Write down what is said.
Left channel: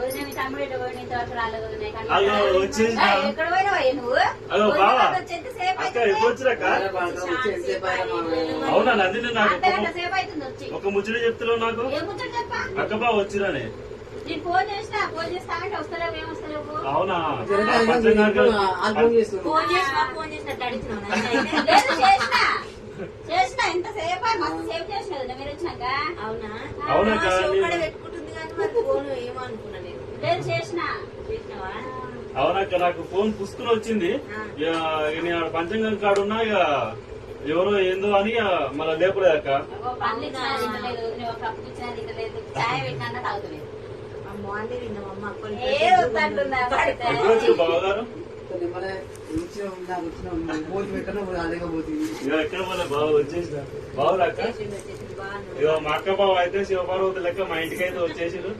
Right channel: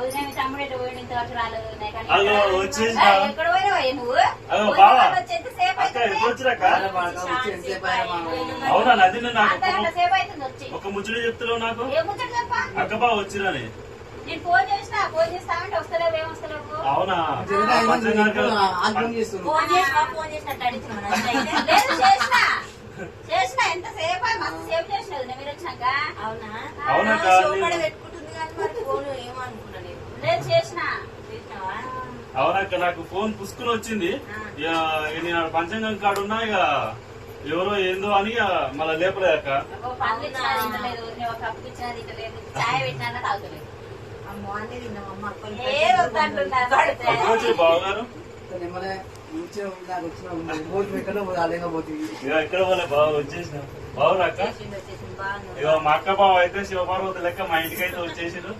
తమ్ముడు ఎక్కడ పోయి ఇంతవరకు రాలేదు ఎక్కడ పోయినావా నువ్వు అవునా నందిని నాకు సేపు అవుతుంది వచ్చి ఒక ముచ్చట చెప్తున్నావు నాకు ఏ ముచ్చట చెప్ప అక్కబా వచ్చిరాని నేను ఫోన్ చేస్తానంటే వస్తలేవు ఏం వస్తలేవు అవునా ఫోన్ చేసినట్టు అడిగిన చేసిన ఎంతసేపు మస్తు సేపు చేసినది మీరు వచ్చినాక అవునా పెట్టుకుంటుంది కానీ మరి ఫోన్ ఏమో అనుకున్నా లేదు చేసినావా అవునక్క నాకు ఫోన్ పుసుకుని వచ్చింది ఇక నేను పంచాంగం కాడున్నా ఇక ఎవరో ఏందో అని మళ్ళీ లేపలేదక్క పనులు ఇచ్చినా తింటలేదు నువ్వు కప్పు ఇచ్చినా తింటలేదు చాయ్ పెట్టినా తాగుతలేదు అమ్మో అన్నీ తిన్నామమ్మ ఏ వద్దంటున్నా బావగారు ఎక్కడ పోలే బావ వచ్చేసిన బావురా అక్క ఇక మా అక్క బావ అయితే శివపార్వతి లెక్క మా ఇంటికి అయితే వచ్చేసారు